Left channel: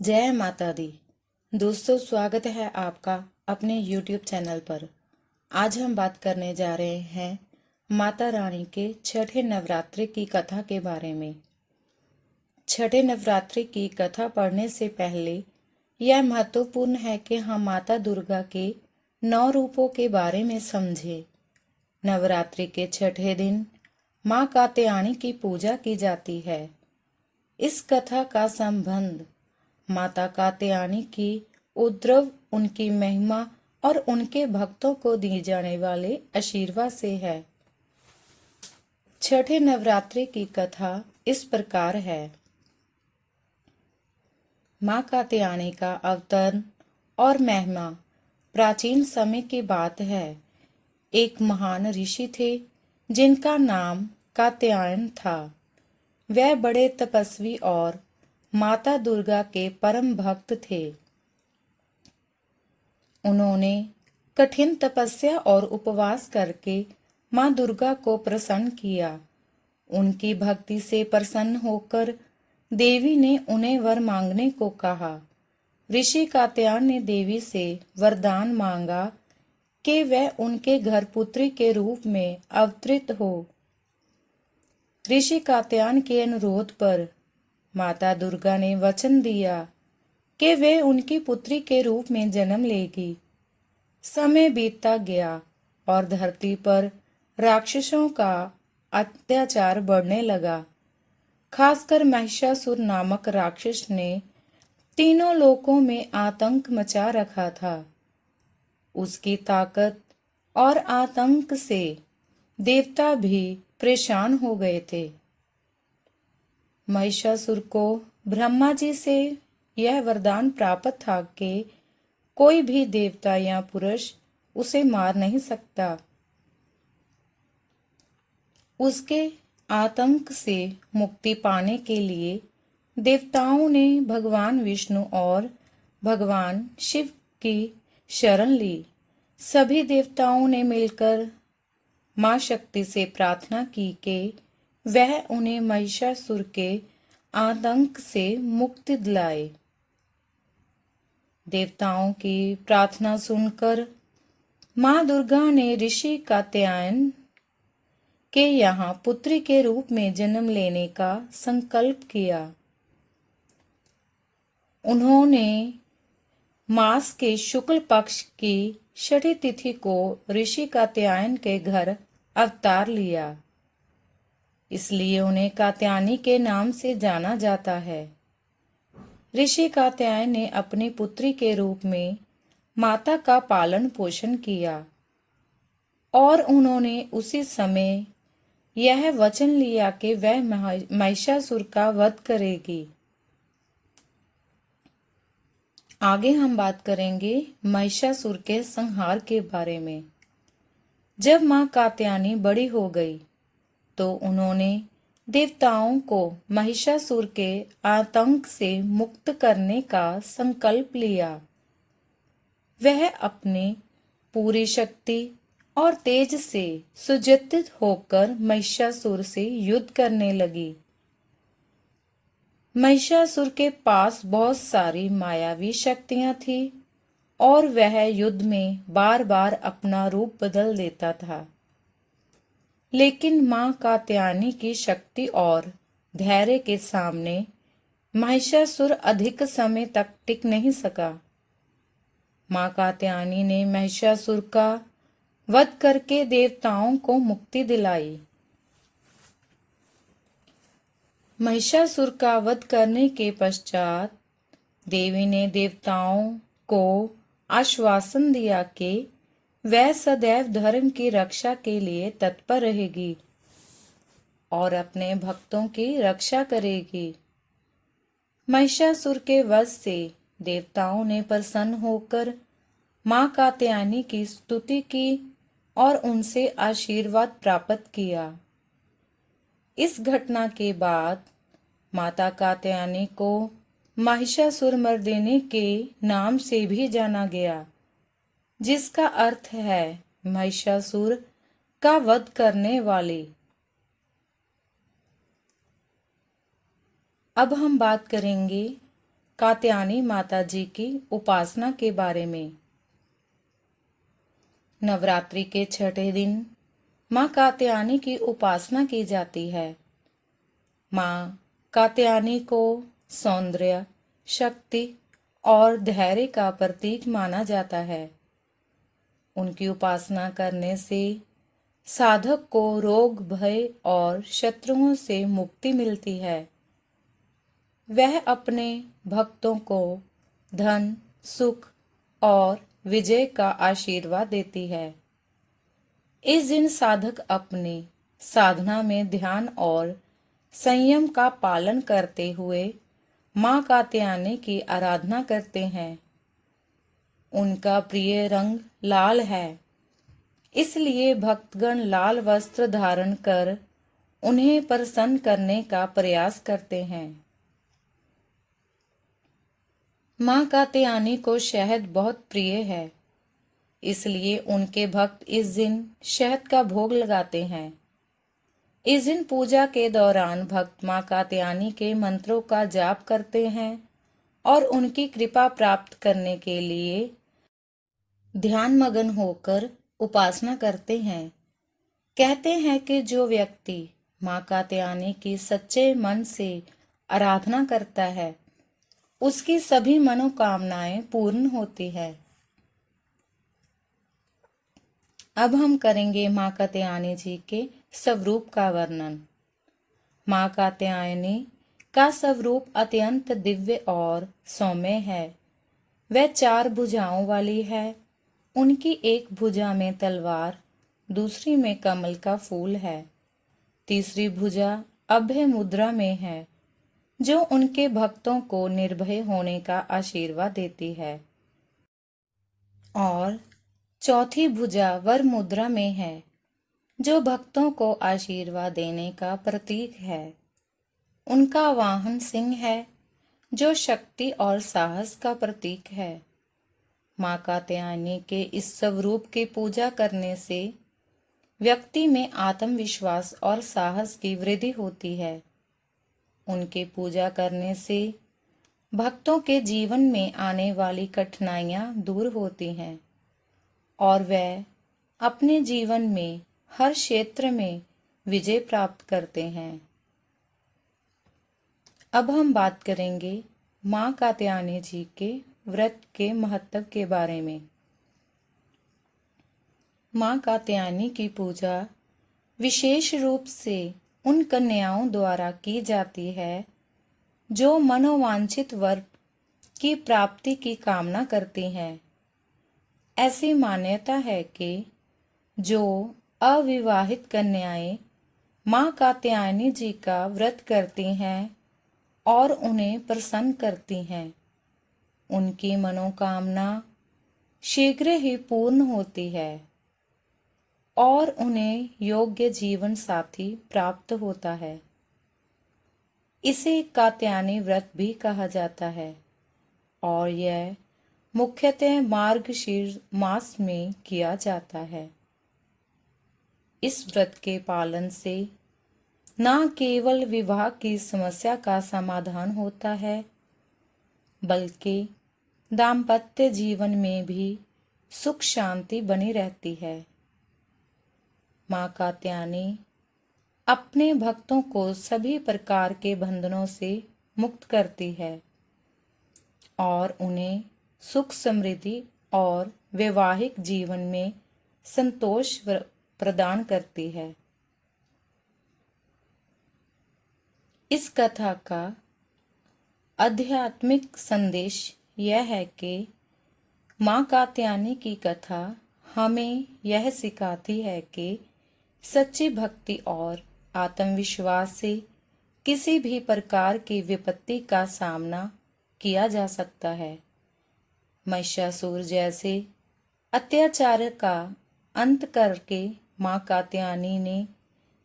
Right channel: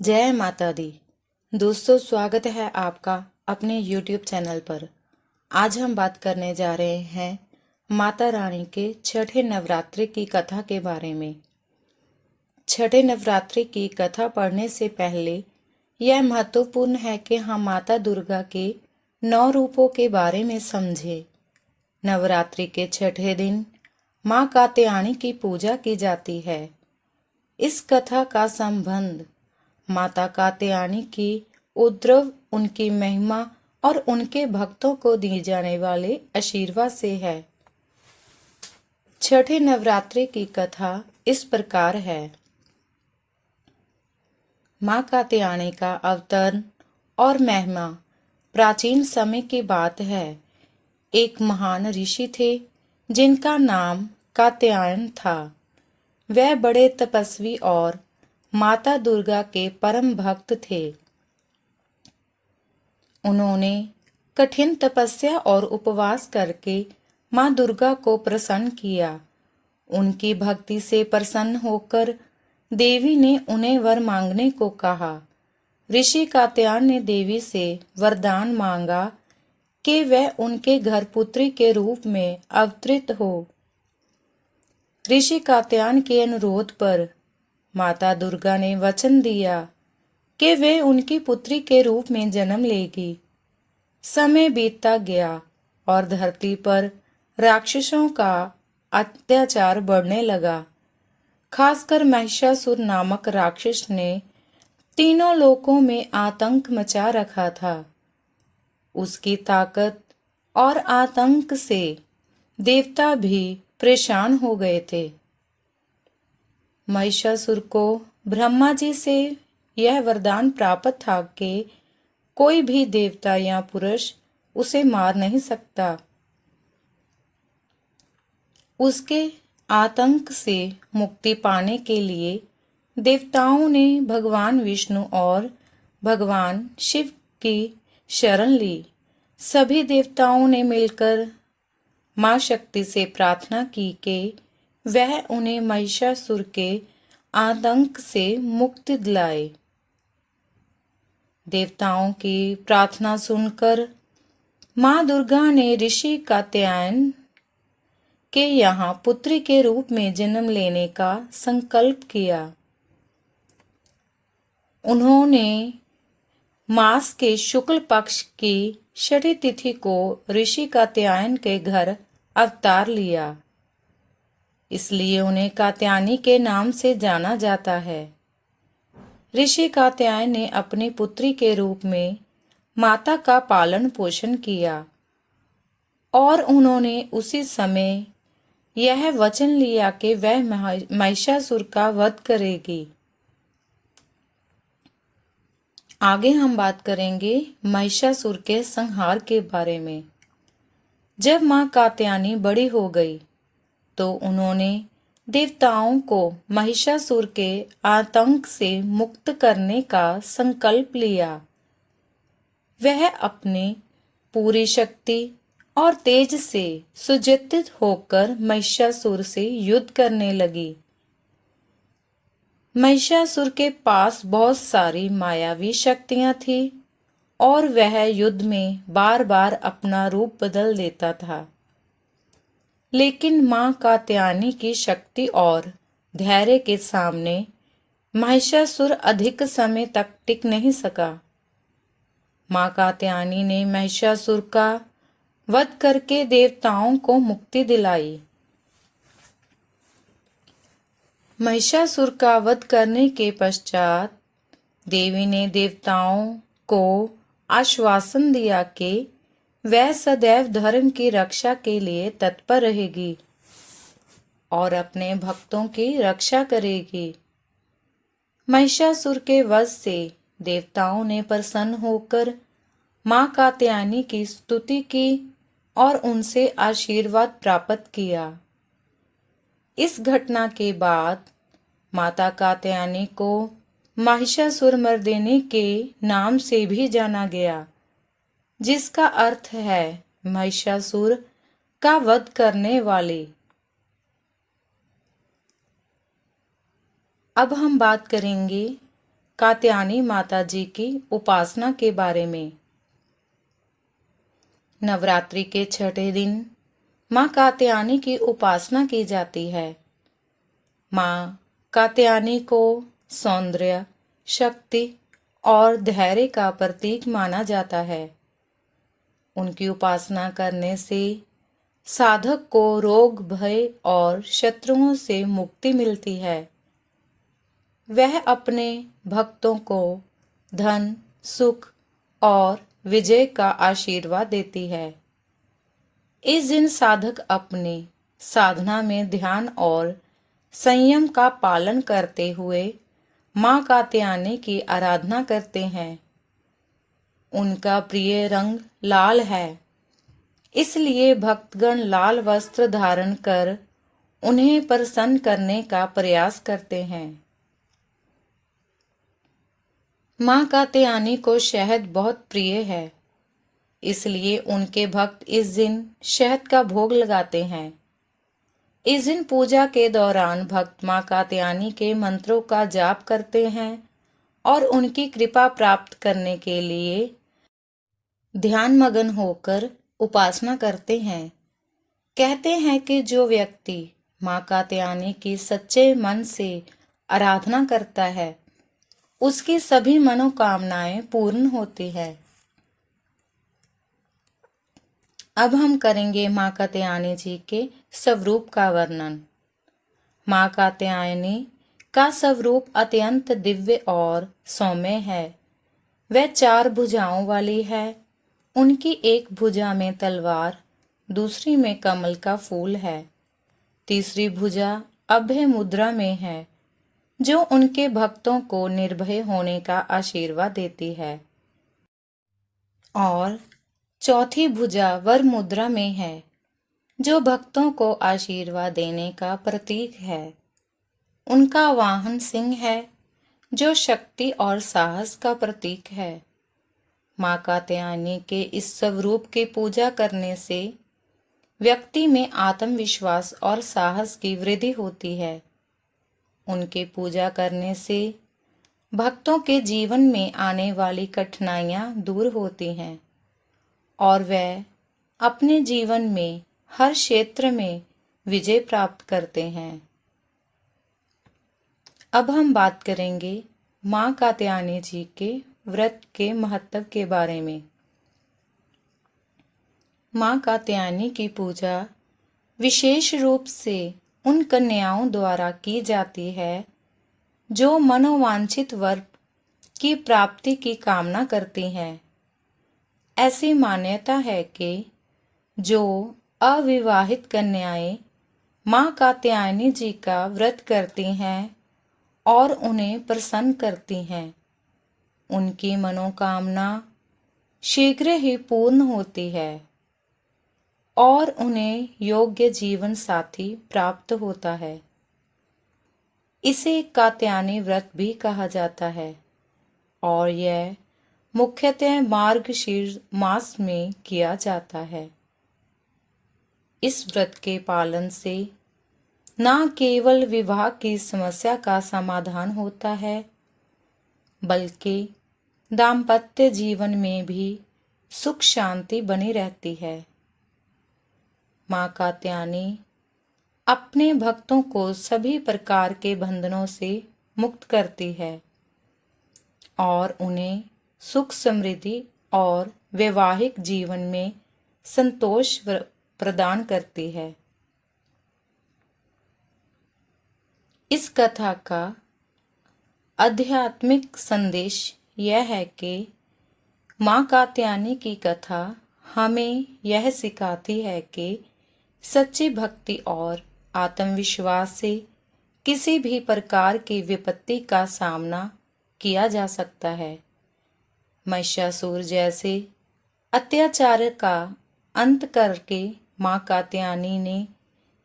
जय माता दी। दोस्तों, स्वागत है आपका अपने YouTube चैनल पर। आज हम बात करने जा रहे हैं माता रानी के छठे नवरात्रि की कथा के बारे में। छठे नवरात्रि की कथा पढ़ने से पहले यह महत्वपूर्ण है कि हम माता दुर्गा के 9 रूपों के बारे में समझें। नवरात्रि के छठे दिन माँ कात्यायनी की पूजा की जाती है। इस कथा का संबंध माता कात्यायनी की उद्रव, उनकी महिमा और उनके भक्तों को दिए जाने वाले आशीर्वाद से है। छठे नवरात्रि की कथा इस प्रकार है। माँ कात्यायनी का अवतरण और महिमा प्राचीन समय की बात है। एक महान ऋषि थे जिनका नाम कात्यायन था। वह बड़े तपस्वी और माता दुर्गा के परम भक्त थे। उन्होंने कठिन तपस्या और उपवास करके माँ दुर्गा को प्रसन्न किया। उनकी भक्ति से प्रसन्न होकर देवी ने उन्हें वर मांगने को कहा। ऋषि कात्यायन ने देवी से वरदान मांगा कि वह उनके घर पुत्री के रूप में अवतरित हो। ऋषि कात्यायन के अनुरोध पर माता दुर्गा ने वचन दिया कि वे उनकी पुत्री के रूप में जन्म लेगी। समय बीतता गया और धरती पर राक्षसों का अत्याचार बढ़ने लगा। खासकर महिषासुर नामक राक्षस ने तीनों लोकों में आतंक मचा रखा था। उसकी ताकत और आतंक से देवता भी परेशान हो गए थे। महिषासुर को ब्रह्मा जी से यह वरदान प्राप्त था कि कोई भी देवता या पुरुष उसे मार नहीं सकता। उसके आतंक से मुक्ति पाने के लिए देवताओं ने भगवान विष्णु और भगवान शिव की शरण ली। सभी देवताओं ने मिलकर मां शक्ति से प्रार्थना की कि वह उन्हें महिषासुर के आतंक से मुक्ति दिलाए। देवताओं की प्रार्थना सुनकर मां दुर्गा ने ऋषि कात्यायन के यहाँ पुत्री के रूप में जन्म लेने का संकल्प किया। उन्होंने मास के शुक्ल पक्ष की छठी तिथि को ऋषि कात्यायन के घर अवतार लिया। इसलिए उन्हें कात्यायनी के नाम से जाना जाता है। ऋषि कात्यायन ने अपनी पुत्री के रूप में माता का पालन पोषण किया और उन्होंने उसी समय यह वचन लिया कि वह महिषासुर का वध करेगी। आगे हम बात करेंगे महिषासुर के संहार के बारे में। जब मां कात्यायनी बड़ी हो गई तो उन्होंने देवताओं को महिषासुर के आतंक से मुक्त करने का संकल्प लिया। वह अपने पूरी शक्ति और तेज से सुसज्जित होकर महिषासुर से युद्ध करने लगी। महिषासुर के पास बहुत सारी मायावी शक्तियां थी और वह युद्ध में बार बार अपना रूप बदल देता था। लेकिन मां कात्यायनी की शक्ति और धैर्य के सामने महिषासुर अधिक समय तक टिक नहीं सका। मां कात्यायनी ने महिषासुर का वध करके देवताओं को मुक्ति दिलाई। महिषासुर का वध करने के पश्चात देवी ने देवताओं को आश्वासन दिया कि वह सदैव धर्म की रक्षा के लिए तत्पर रहेगी और अपने भक्तों की रक्षा करेगी। महिषासुर के वध से देवताओं ने प्रसन्न होकर मां कात्यायनी की स्तुति की और उनसे आशीर्वाद प्राप्त किया। इस घटना के बाद माता कात्यायनी को महिषासुर मर्दिनी के नाम से भी जाना गया, जिसका अर्थ है महिषासुर का वध करने वाली। अब हम बात करेंगे कात्यायनी माता जी की उपासना के बारे में। नवरात्रि के छठे दिन माँ कात्यायनी की उपासना की जाती है। माँ कात्यायनी को सौंदर्य, शक्ति और धैर्य का प्रतीक माना जाता है। उनकी उपासना करने से साधक को रोग, भय और शत्रुओं से मुक्ति मिलती है। वह अपने भक्तों को धन, सुख और विजय का आशीर्वाद देती है। इस दिन साधक अपने साधना में ध्यान और संयम का पालन करते हुए माँ कात्यायनी की आराधना करते हैं। उनका प्रिय रंग लाल है, इसलिए भक्तगण लाल वस्त्र धारण कर उन्हें प्रसन्न करने का प्रयास करते हैं। माँ कात्यायनी को शहद बहुत प्रिय है, इसलिए उनके भक्त इस दिन शहद का भोग लगाते हैं। इस दिन पूजा के दौरान भक्त माँ कात्यायनी के मंत्रों का जाप करते हैं और उनकी कृपा प्राप्त करने के लिए ध्यान मग्न होकर उपासना करते हैं। कहते हैं कि जो व्यक्ति माँ कात्यायनी की सच्चे मन से आराधना करता है, उसकी सभी मनोकामनाएं पूर्ण होती है। अब हम करेंगे माँ कात्यायनी जी के स्वरूप का वर्णन। माँ कात्यायनी का स्वरूप अत्यंत दिव्य और सौम्य है। वह 4 भुजाओं वाली है। उनकी एक भुजा में तलवार, दूसरी में कमल का फूल है, तीसरी भुजा अभय मुद्रा में है, जो उनके भक्तों को निर्भय होने का आशीर्वाद देती है, और चौथी भुजा वर मुद्रा में है, जो भक्तों को आशीर्वाद देने का प्रतीक है। उनका वाहन सिंह है, जो शक्ति और साहस का प्रतीक है। माँ कात्यायनी के इस स्वरूप की पूजा करने से व्यक्ति में आत्मविश्वास और साहस की वृद्धि होती है। उनकी पूजा करने से भक्तों के जीवन में आने वाली कठिनाइयां दूर होती हैं और वह अपने जीवन में हर क्षेत्र में विजय प्राप्त करते हैं। अब हम बात करेंगे माँ कात्यायनी जी के व्रत के महत्व के बारे में। माँ कात्यायनी की पूजा विशेष रूप से उन कन्याओं द्वारा की जाती है जो मनोवांछित वर की प्राप्ति की कामना करती हैं। ऐसी मान्यता है कि जो अविवाहित कन्याएं माँ कात्यायनी जी का व्रत करती हैं और उन्हें प्रसन्न करती हैं, उनकी मनोकामना शीघ्र ही पूर्ण होती है और उन्हें योग्य जीवन साथी प्राप्त होता है। इसे कात्यायनी व्रत भी कहा जाता है और यह मुख्यतः मार्गशीर्ष मास में किया जाता है। इस व्रत के पालन से न केवल विवाह की समस्या का समाधान होता है, बल्कि दाम्पत्य जीवन में भी सुख शांति बनी रहती है। माँ कात्यायनी अपने भक्तों को सभी प्रकार के बंधनों से मुक्त करती है और उन्हें सुख, समृद्धि और वैवाहिक जीवन में संतोष प्रदान करती है। इस कथा का आध्यात्मिक संदेश यह है कि माँ कात्यायनी की कथा हमें यह सिखाती है कि सच्ची भक्ति और आत्मविश्वास से किसी भी प्रकार की विपत्ति का सामना किया जा सकता है। महिषासुर जैसे अत्याचार का अंत करके माँ कात्यायनी ने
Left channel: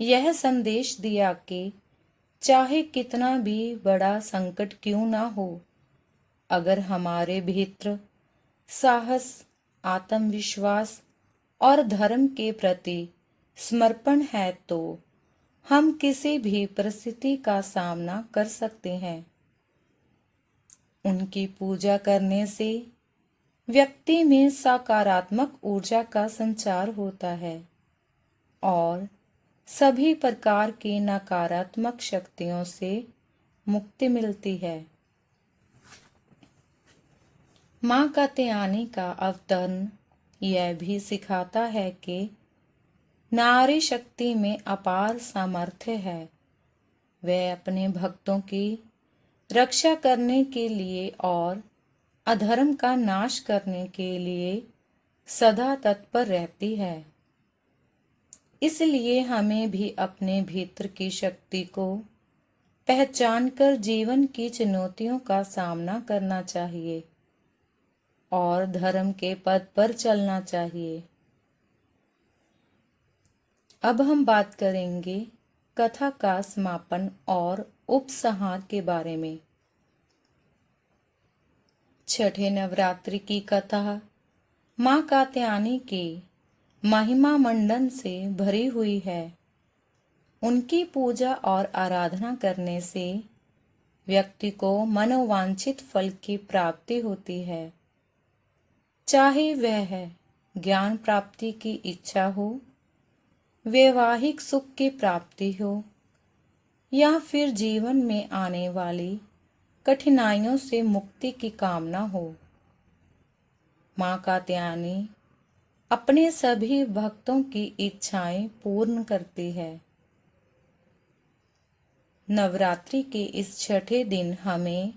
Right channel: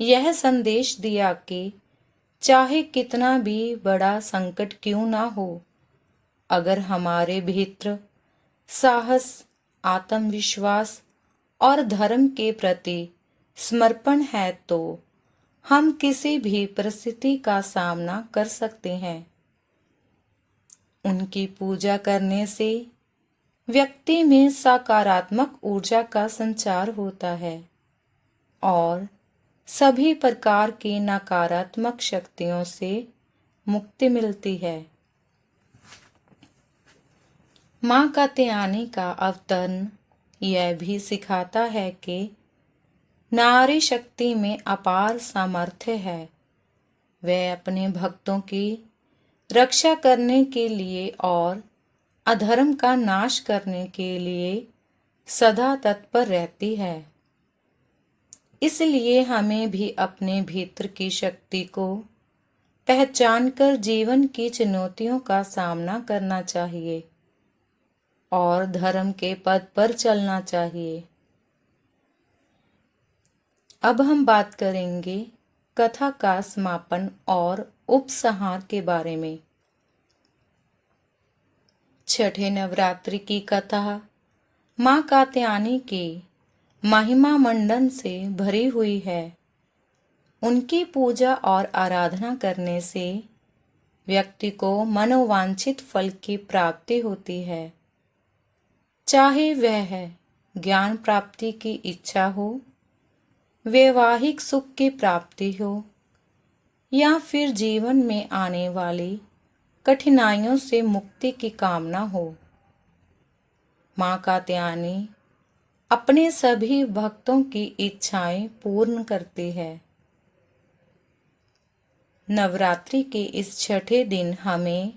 यह संदेश दिया कि चाहे कितना भी बड़ा संकट क्यों ना हो, अगर हमारे भीतर साहस, आत्मविश्वास और धर्म के प्रति समर्पण है तो हम किसी भी परिस्थिति का सामना कर सकते हैं। उनकी पूजा करने से व्यक्ति में सकारात्मक ऊर्जा का संचार होता है और सभी प्रकार की नकारात्मक शक्तियों से मुक्ति मिलती है। माँ कात्यायनी का अवतरण यह भी सिखाता है कि नारी शक्ति में अपार सामर्थ्य है। वह अपने भक्तों की रक्षा करने के लिए और अधर्म का नाश करने के लिए सदा तत्पर रहती है। इसलिए हमें भी अपने भीतर की शक्ति को पहचानकर जीवन की चुनौतियों का सामना करना चाहिए और धर्म के पथ पर चलना चाहिए। अब हम बात करेंगे कथा का समापन और उपसंहार के बारे में। छठे नवरात्रि की कथा माँ कात्यायनी के महिमा मंडन से भरी हुई है। उनकी पूजा और आराधना करने से व्यक्ति को मनोवांछित फल की प्राप्ति होती है, चाहे वह ज्ञान प्राप्ति की इच्छा हो, वैवाहिक सुख की प्राप्ति हो या फिर जीवन में आने वाली कठिनाइयों से मुक्ति की कामना हो। माँ कात्यायनी अपने सभी भक्तों की इच्छाएं पूर्ण करती है। नवरात्रि के इस छठे दिन हमें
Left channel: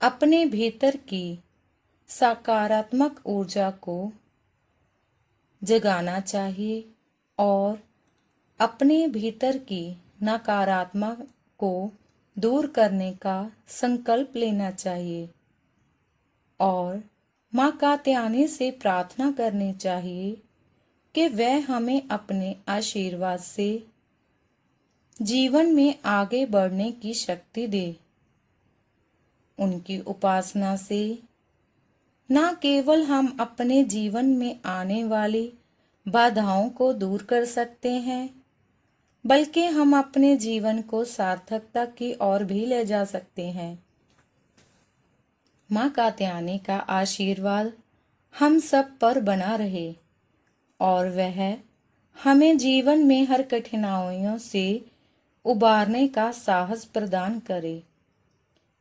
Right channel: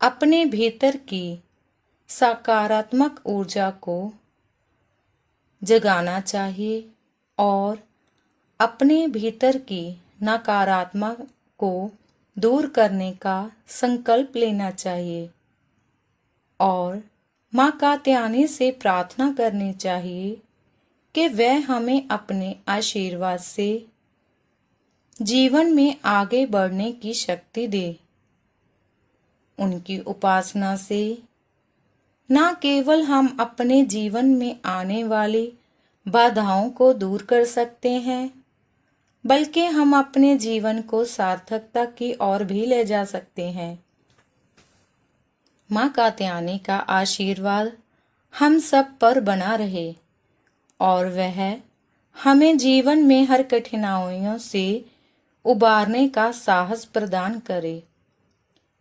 अपने भीतर की सकारात्मक ऊर्जा को जगाना चाहिए और अपने भीतर की नकारात्मक को दूर करने का संकल्प लेना चाहिए और माँ कात्यायनी से प्रार्थना करनी चाहिए कि वह हमें अपने आशीर्वाद से जीवन में आगे बढ़ने की शक्ति दे। उनकी उपासना से न केवल हम अपने जीवन में आने वाली बाधाओं को दूर कर सकते हैं, बल्कि हम अपने जीवन को सार्थकता की ओर भी ले जा सकते हैं। माँ कात्यायनी का आशीर्वाद हम सब पर बना रहे और वह हमें जीवन में हर कठिनाइयों से उबारने का साहस प्रदान करे।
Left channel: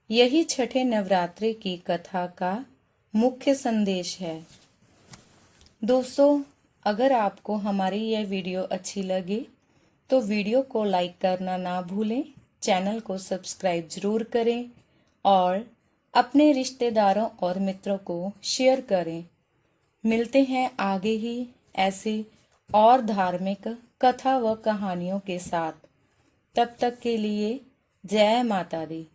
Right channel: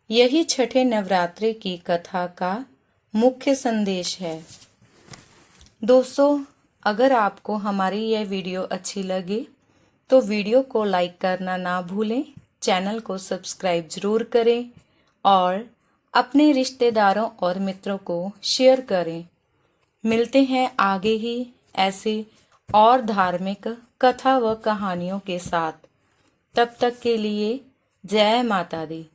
यही छठे नवरात्रि की कथा का मुख्य संदेश है। दोस्तों, अगर आपको हमारी यह वीडियो अच्छी लगी तो वीडियो को लाइक करना ना भूलें, चैनल को सब्सक्राइब जरूर करें और अपने रिश्तेदारों और मित्रों को शेयर करें। मिलते हैं आगे ही ऐसे और धार्मिक कथा व कहानियों के साथ। तब तक के लिए जय माता दी।